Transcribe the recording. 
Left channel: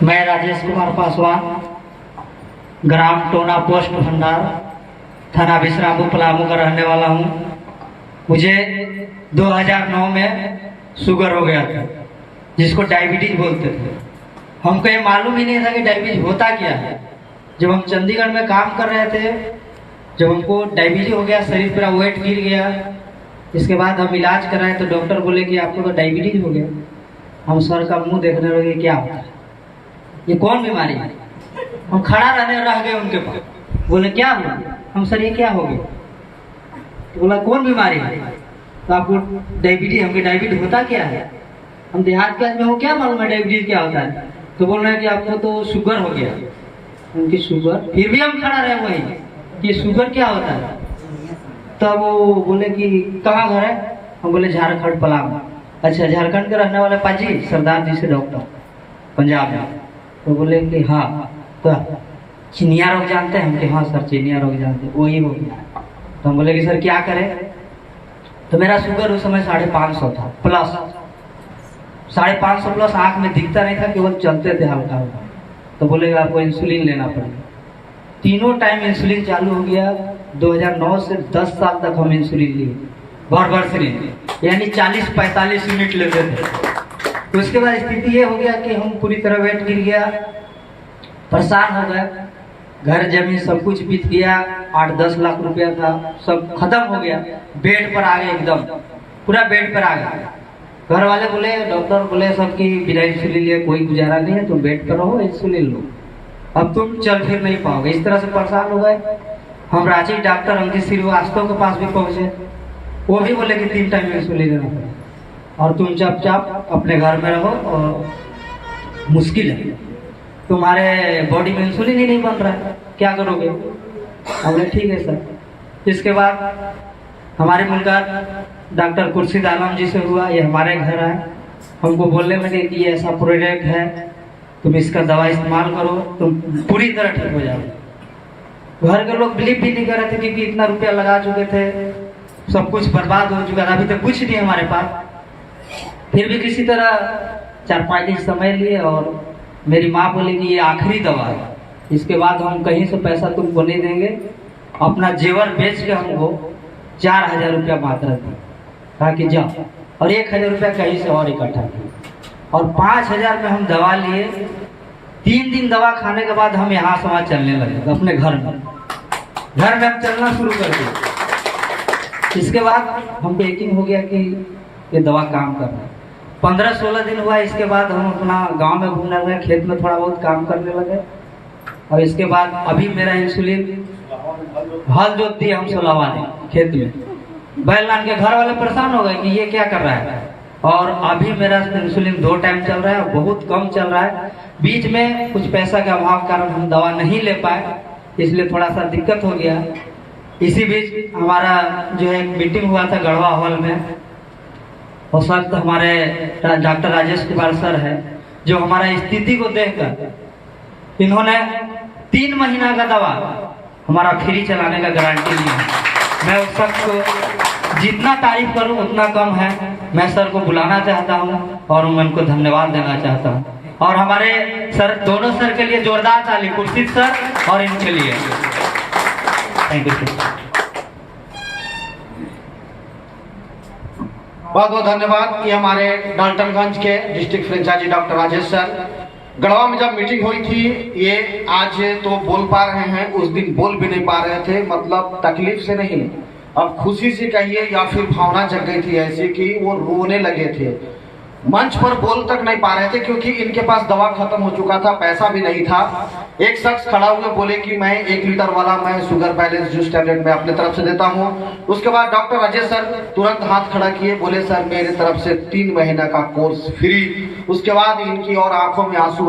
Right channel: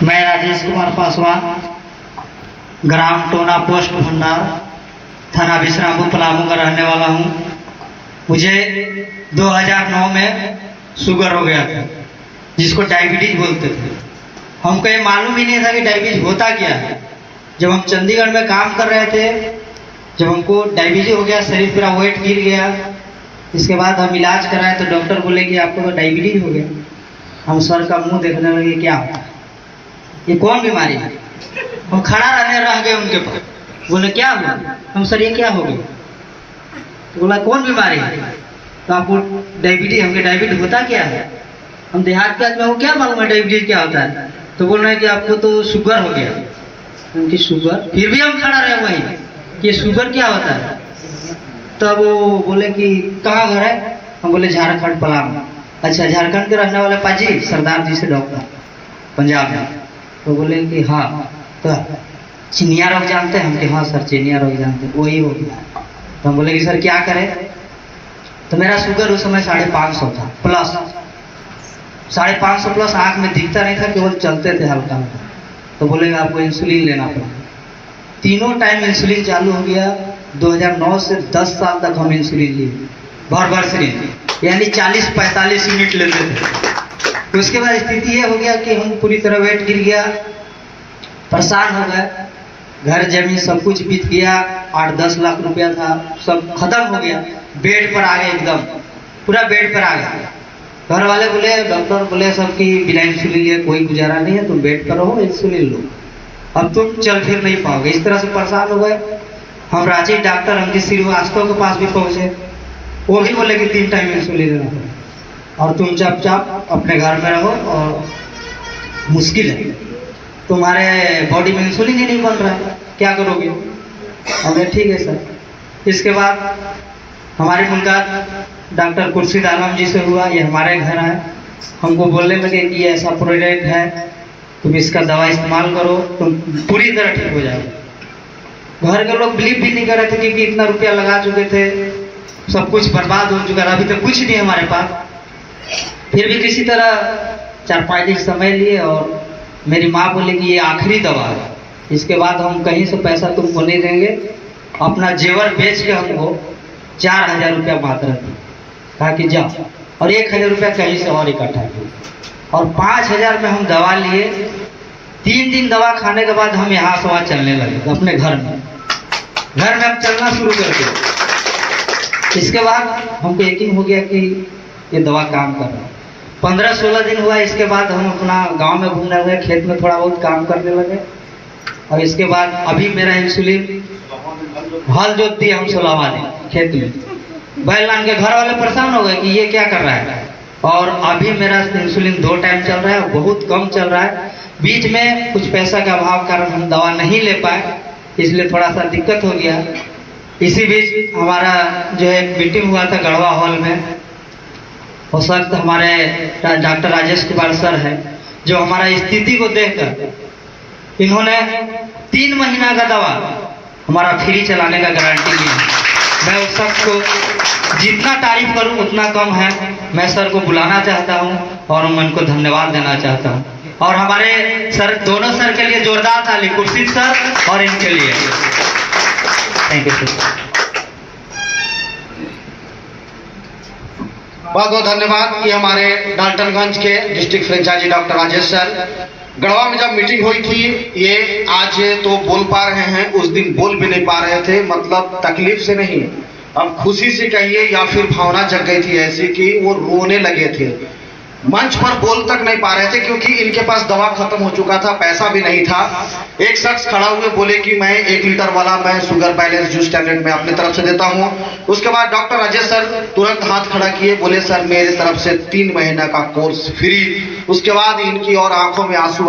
मैं राजेश कुमार पासवान, ग्राम टोना पोस्ट भंडार, थाना विश्रामपुर पलामू का रहने वाला हूँ। मुझे 2009 में शुगर हो गया था, जिसको डायबिटीज बोलते थे। हमको ये मालूम ही नहीं था कि डायबिटीज होता क्या है। जब हम चंडीगढ़ में काम कर रहे थे, जब हमको डायबिटीज हो गया, शरीर पूरा वेट गिर गया। इसके बाद हम इलाज कराए तो डॉक्टर बोले कि आपको तो डायबिटीज हो गया। हम सर का मुंह देखने लगे, क्या होता है, ये कौन बीमारी है। हम खड़ा रहने रह गए उनके पास। बोले क्या हुआ? हम सर ये क्या हो गया? तो बोला कौन बीमारी है? तो आपको डायबिटीज। हमके डायबिटीज होता क्या है? हम देहात के आदमी, क्या मालूम है डायबिटीज क्या होता है। तो बोल रहे हैं कि आपको तो शुगर हो गया। उनकी शुगर, फिर भी हम खड़ा रहे वहीं कि शुगर क्या होता है। तब वो बोले कि कहाँ घर है? हम बोले झारखंड पलामू। अच्छा, झारखंड के रहने वाले पाजी सरदार जी से डॉक्टर पंजाब में। तो बोले कि हाँ, तो चिनिया रोग जानते हैं हम? कि हाँ सर, चिनिया रोग जानते हैं, वही हो गया। तो हम बोले कि सर क्या करें? तो मेरा शुगर उस समय 550 था प्लस, 550 प्लस। आँख में दिखता नहीं था, केवल चलते थे हल्का हल्का। तो बोले आपको इंसुलिन लेना पड़ेगा। तीनों टाइम इंसुलिन चालू हो गया। 2009 से 10 साल तक हम इंसुलिन लिए, भर सिरिंज, यानी 40-45 यूनिट लेते थे। तो उसके बाद स्थिति ये हो गया कि हम पूरी तरह वेट गिर गया, परेशान हो गए। घर जमीन सब कुछ बीत गया। 8-10 लाख रुपया था, सब खत्म हो गया। बेड पर आ गए, एकदम पूरा बेड पर आ गए। घर वाले बोले, डॉक्टर बोले सब कि बिना इंसुलिन लिए कोई गुजारा नहीं है, तुम बेड पर रहो, इंसुलिन लो, अब तुम चल फिर नहीं पाओगे। इस तरह से परेशान हो गए। हम रांची डॉक्टर अंकित श्रीवास्तव के पास भी पहुंचे। वो भी बोले कि 3 टाइम इंसुलिन लेना पड़ेगा और तुम चुपचाप अपने घर में रहो, और मुश्किल है, तुम्हारे बॉडी में इंसुलिन ही नहीं बन रहा है, क्या करोगे? हमने ठीक है सर। इसके बाद हमारी मुलाकात डॉक्टर खुर्शीद आलम जी से हुआ। ये हमारे घर है। हमको बोलने लगे कि ये ऐसा प्रोडक्ट है, तुम इसका दवा इस्तेमाल करो, तुम पूरी तरह ठीक हो जाओ। घर के लोग बिलीव भी नहीं कर रहे थे, क्योंकि इतना रुपया लगा चुके थे, सब कुछ बर्बाद हो चुका था, अभी तक कुछ नहीं हमारे पास। फिर भी किसी तरह 4-5 दिन समय लिए, और मेरी माँ बोली कि ये आखिरी दवा है, इसके बाद हम कहीं से पैसा तुमको नहीं देंगे। अपना जेवर बेच के हमको 4000 रुपया मात्रा दी, कहा कि जाओ, और 1000 रुपया कहीं से और इकट्ठा किया, और 5000 में हम दवा लिए। 3 दिन दवा खाने के बाद हम यहाँ से वहाँ चलने लगे अपने घर में हम चलना शुरू कर दिया। इसके बाद हमको यकीन हो गया कि ये दवा काम कर रहा है। 15-16 दिन हुआ। इसके बाद हम अपना गांव में घूमने लगे, खेत में थोड़ा बहुत काम करने लगे। और इसके बाद अभी मेरा इंसुलिन, हल जोत दिए हम 16वां दिन खेत में, बैल लान के। घर वाले परेशान हो गए कि ये क्या कर रहा है। और अभी मेरा इंसुलिन 2 टाइम चल रहा है, बहुत कम चल रहा है। बीच में कुछ पैसा के अभाव कारण हम दवा नहीं ले पाए, इसलिए थोड़ा सा दिक्कत हो गया। इसी बीच हमारा जो एक मीटिंग हुआ था गढ़वा हॉल में, उस वक्त हमारे डॉक्टर राजेश कुमार सर है, जो हमारा स्थिति को देखकर इन्होंने 3 महीना का दवा हमारा फ्री चलाने का गारंटी दिया। मैं उस शख्स को जितना तारीफ करूं उतना कम है। मैं सर को बुलाना चाहता हूं और उनको धन्यवाद देना चाहता हूं। और हमारे सर, दोनों सर के लिए जोरदार ताली, खुर्शीद सर और इनके लिए। Thank you sir. बहुत बहुत धन्यवाद। ये हमारे डाल्टनगंज के district franchisee doctor Rajesh sir. Garhwa में जब मीटिंग हुई थी, ये आज तो बोल पा रहे हैं, उस दिन बोल भी नहीं पा रहे थे। मतलब तकलीफ से नहीं, अब खुशी से कहिए या फिर भावना जग गई थी ऐसी कि वो रोने लगे थे। मंच पर बोल तक नहीं पा रहे थे, क्योंकि इनके पास दवा खत्म हो चुका था, पैसा भी नहीं था। एक शख्स खड़ा हुए बोले कि मैं 1 लीटर वाला मैं शुगर बैलेंस जूस टैबलेट में अपनी तरफ से देता हूं। उसके बाद डॉक्टर राजेश सर तुरंत हाथ खड़ा किए, बोले सर मेरी तरफ से 3 महीना का कोर्स फ्री। उसके बाद इनकी और आंखों में आंसू